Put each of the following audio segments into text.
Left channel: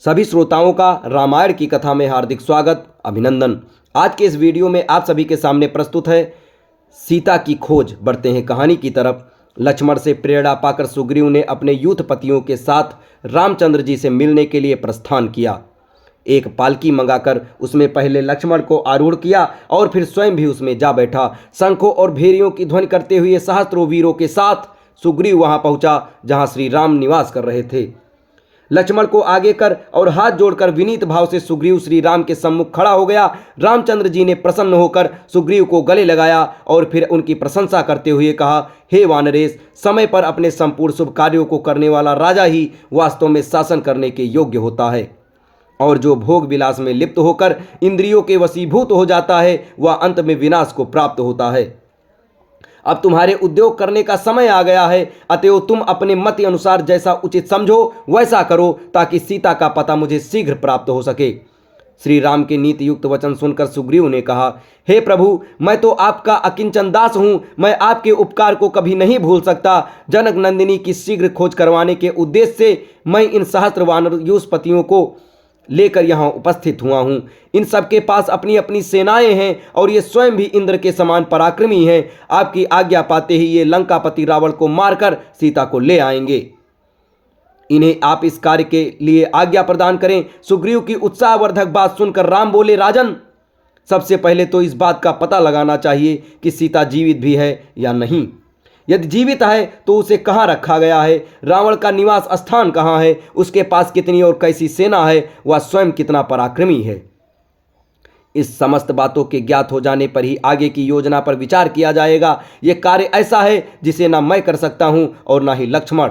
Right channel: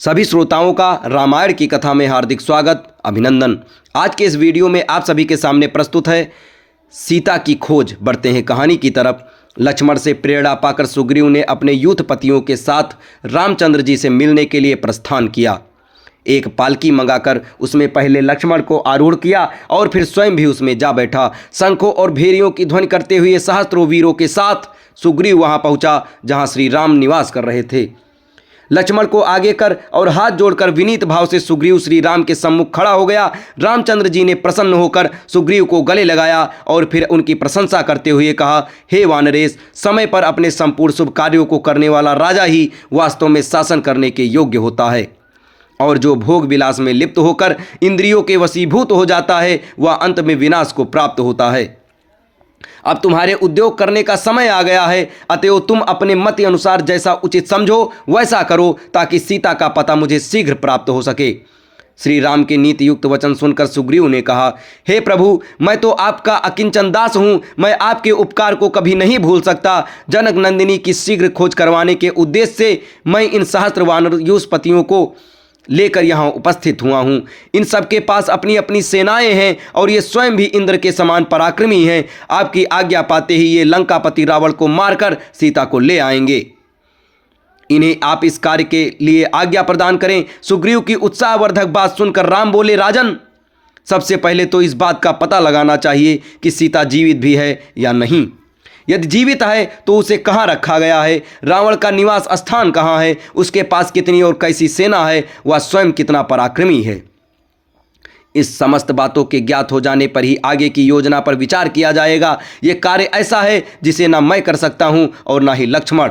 सभी श्रोताओं का रामायण की कथा में हार्दिक स्वागत, अभिनंदन। आज के इस वीडियो में आप सभी के सामने प्रस्तुत है सीता की खोज। बढ़ते हैं कहानी की तरफ। लक्ष्मण से प्रेरणा पाकर सुग्रीव ने अपने यूथपतियों के साथ रामचंद्र जी से मिलने के लिए प्रस्थान किया। एक पालकी मंगाकर उसमें पहले लक्ष्मण को आरूढ़ किया और फिर स्वयं भी उसमें जा बैठा। शंखों और भेरियों की ध्वनि करते हुए सहस्त्रों वीरों के साथ सुग्रीव वहां पहुंचा जहां श्री राम निवास कर रहे थे। लक्ष्मण को आगे कर और हाथ जोड़कर विनीत भाव से सुग्रीव श्री राम के सम्मुख खड़ा हो गया। रामचंद्र जी ने प्रसन्न होकर सुग्रीव को गले लगाया और फिर उनकी प्रशंसा करते हुए कहा, हे वानरेश, समय पर अपने संपूर्ण शुभ कार्यों को करने वाला राजा ही वास्तव में शासन करने के योग्य होता है, और जो भोग विलास में लिप्त होकर इंद्रियों के वशीभूत हो जाता है वह अंत में विनाश को प्राप्त होता है। अब तुम्हारे उद्योग करने का समय आ गया है, अतएव तुम अपने मत अनुसार जैसा उचित समझो वैसा करो, ताकि सीता का पता मुझे शीघ्र प्राप्त हो सके। श्री राम के नीति युक्त वचन सुनकर सुग्रीव ने कहा, हे प्रभु, मैं तो आपका अकिंचन दास हूँ, मैं आपके उपकार को कभी नहीं भूल सकता। जनक नंदिनी की शीघ्र खोज करवाने के उद्देश्य से मैं इन सहस्त्र वानर यूसपतियों को लेकर यहाँ उपस्थित हुआ हूँ। इन सबके पास अपनी अपनी सेनाएं हैं और ये स्वयं भी इंद्र के समान पराक्रमी हैं। आपकी आज्ञा पाते ही ये लंकापति रावण को मारकर सीता को ले आएंगे। इन्हें आप इस कार्य के लिए आज्ञा प्रदान करें। सुग्रीव की उत्साहवर्धक बात सुनकर राम बोले, राजन, सबसे पहले तो इस बात का पता लगाना चाहिए कि सीता जीवित भी है या नहीं। यदि जीवित है तो उसे कहाँ रखा गया है, रावण का निवास स्थान कहाँ है, उसके पास कितनी और कैसी सेना है, वह स्वयं कितना पराक्रमी है। इस समस्त बातों के ज्ञात हो जाने पर ही आगे की योजना पर विचार किया जाएगा। यह कार्य ऐसा है जिसे ना मैं कर सकता हूं और ना ही लक्ष्मण,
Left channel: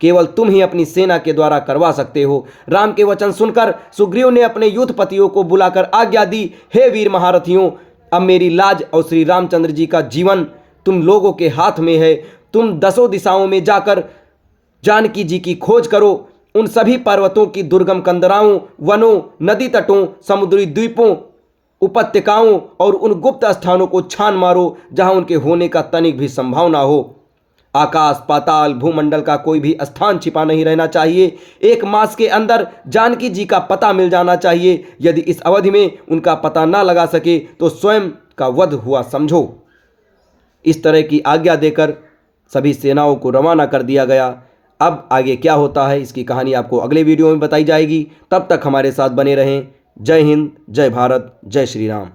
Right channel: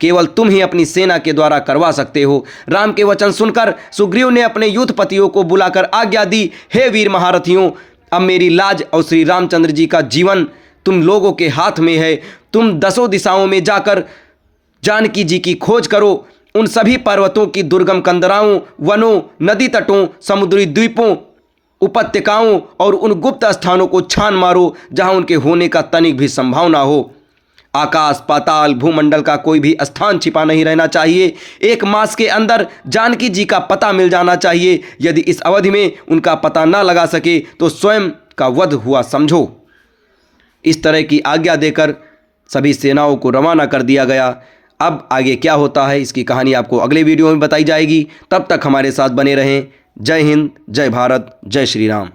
केवल तुम ही अपनी सेना के द्वारा करवा सकते हो। राम के वचन सुनकर सुग्रीव ने अपने यूथपतियों को बुलाकर आज्ञा दी, हे वीर महारथियों, अब मेरी लाज और श्री रामचंद्र जी का जीवन तुम लोगों के हाथ में है। तुम 10 दिशाओं में जाकर जानकी जी की खोज करो। उन सभी पर्वतों की दुर्गम कंदराओं, वनों, नदी तटों, समुद्री द्वीपों, उपत्यकाओं और उन गुप्त स्थानों को छान मारो जहां उनके होने का तनिक भी संभावना हो। आकाश, पाताल, भूमंडल का कोई भी स्थान छिपा नहीं रहना चाहिए। 1 मास के अंदर जानकी जी का पता मिल जाना चाहिए। यदि इस अवधि में उनका पता ना लगा सके तो स्वयं का वध हुआ समझो। इस तरह की आज्ञा देकर सभी सेनाओं को रवाना कर दिया गया। अब आगे क्या होता है इसकी कहानी आपको अगले वीडियो में बताई जाएगी। तब तक हमारे साथ बने रहें। जय हिंद, जय भारत, जय श्री राम।